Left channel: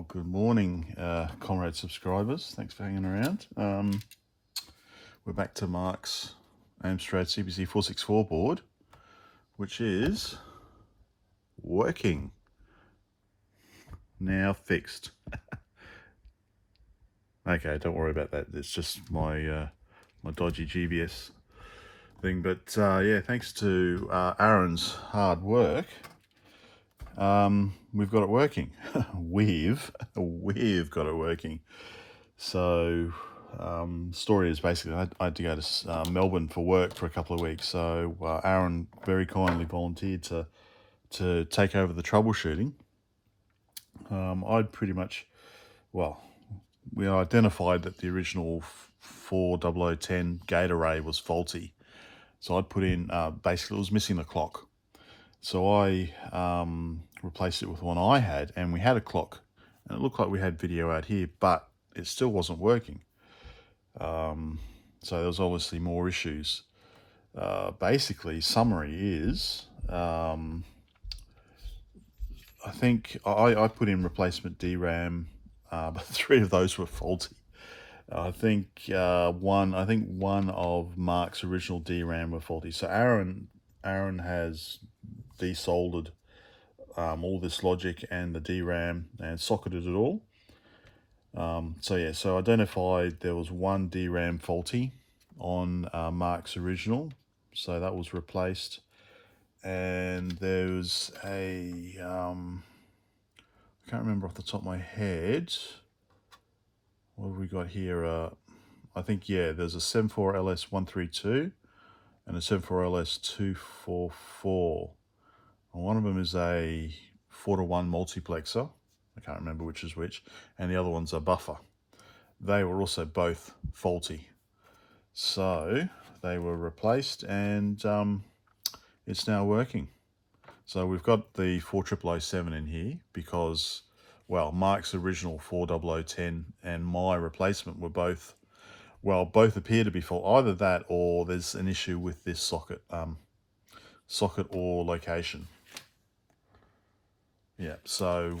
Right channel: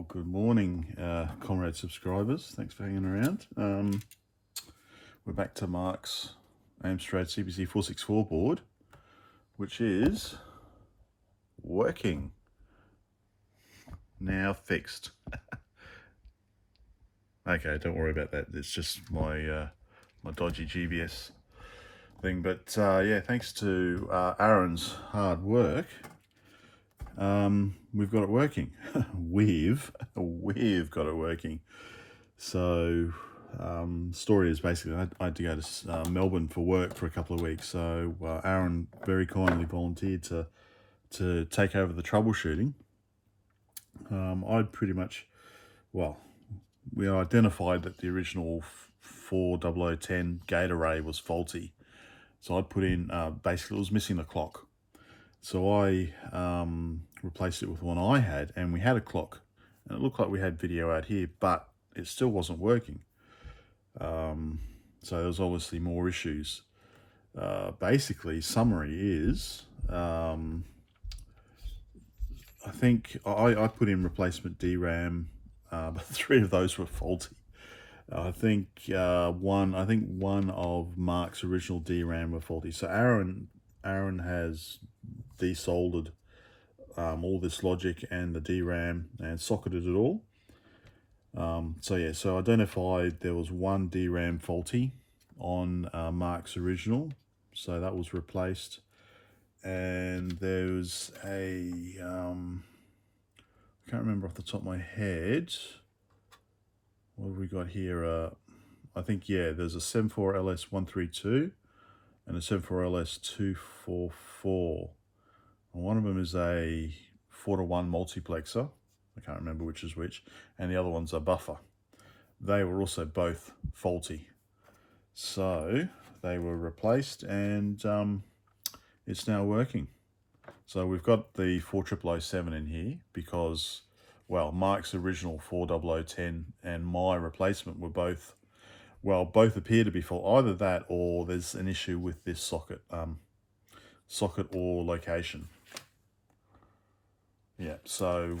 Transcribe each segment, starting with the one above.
Well, good morning, comrade subscribers. Thanks for hanging around. We're back to Mark's Amstrad CPC464 board, which is working. Now fixed. Okay, don't worry about that. It's just my my dodgy GBS thing. But yeah, thanks to Aaron's hard work, we've got it working. we've got it working. So story is basically I had to go to Melbourne for work for a couple of weeks. So Aaron very kindly volunteered to take over the troubleshooting. I'd pretty much, well, we identified that the original 40010 gate array was faulty. So I'd put in, basically it was missing the clock. So I replaced it with one I had, and we had a clock. And it looked like we had video out here, but it still wasn't working. So there was obviously more issues. Basically, summary is, I think I put in replacement DRAM, but 3 of those were faulty. I think one of Mark's original DRAM were faulty. So Aaron has de-soldered all this logic and the DRAM and socketed it all. So yeah, so identified there was one DRAM faulty on Mark's original, so that was replaced. And there's a I can't remember off the top of my head. What have we got here? I think, yeah, there's a 74LS132 and a 74LS244. One of them is a 4-to-1 multiplexer. I can't remember which is which. And the other one's a buffer. They were also both faulty. So they were replaced, and it's now working. So we've got the 40007 in here because, well, Mark's original 40010 and my replacement were both, well, both appear to be fault. Either that or there's an issue with this socket, or location. Yeah, so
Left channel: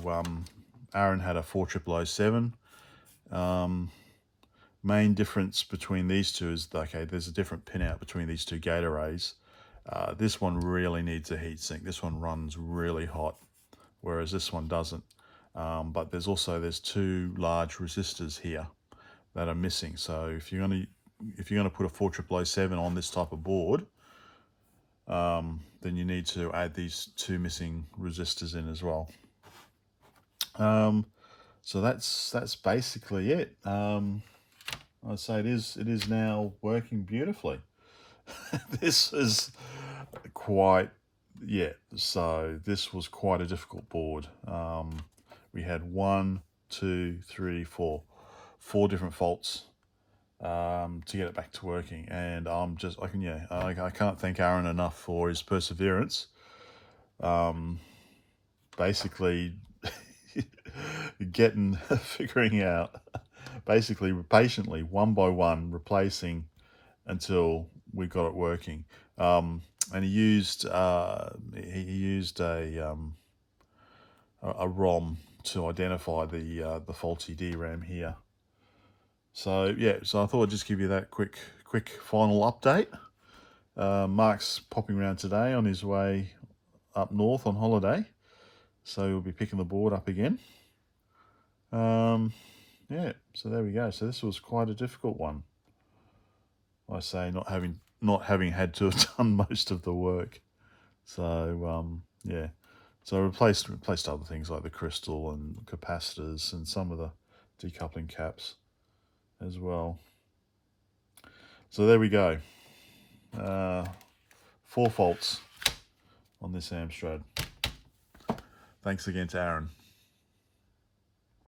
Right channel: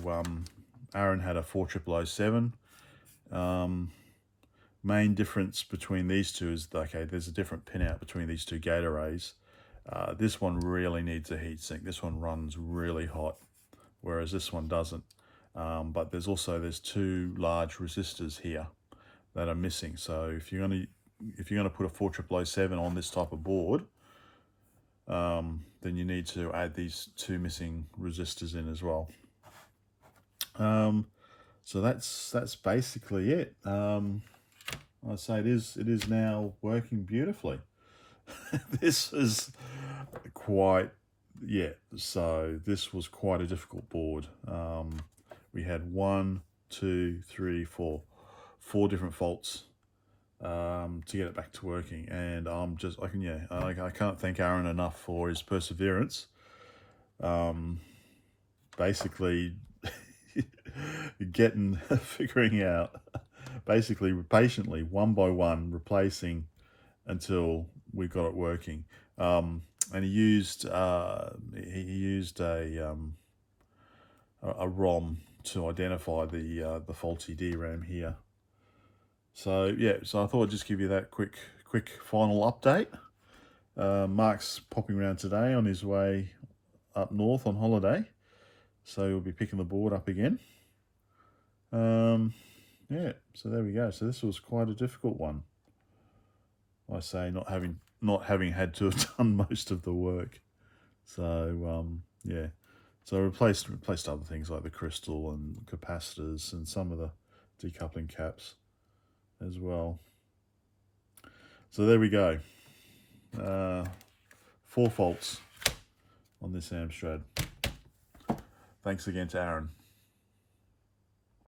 Aaron had a 40007. Main difference between these two is, okay, there's a different pinout between these two gate arrays. This one really needs a heatsink. This one runs really hot, whereas this one doesn't. But there's 2 large resistors here that are missing. So if you're gonna put a 40007 on this type of board, then you need to add these 2 missing resistors in as well. So that's basically it. I'd say it is now working beautifully. This is quite, yeah, so this was quite a difficult board. We had 1, 2, 3, 4 different faults to get it back to working, and I can't thank Aaron enough for his perseverance. Basically figuring out, basically patiently, one by one, replacing until we got it working. And he used a ROM to identify the faulty DRAM here. So yeah, so I thought I'd just give you that quick final update. Mark's popping around today on his way up north on holiday, so we'll be picking the board up again. Yeah, so there we go. So this was quite a difficult one. I say not having had to have done most of the work. So yeah, so replaced other things like the crystal and capacitors and some of the decoupling caps as well. So there we go. 4 faults on this Amstrad. Thanks again to Aaron.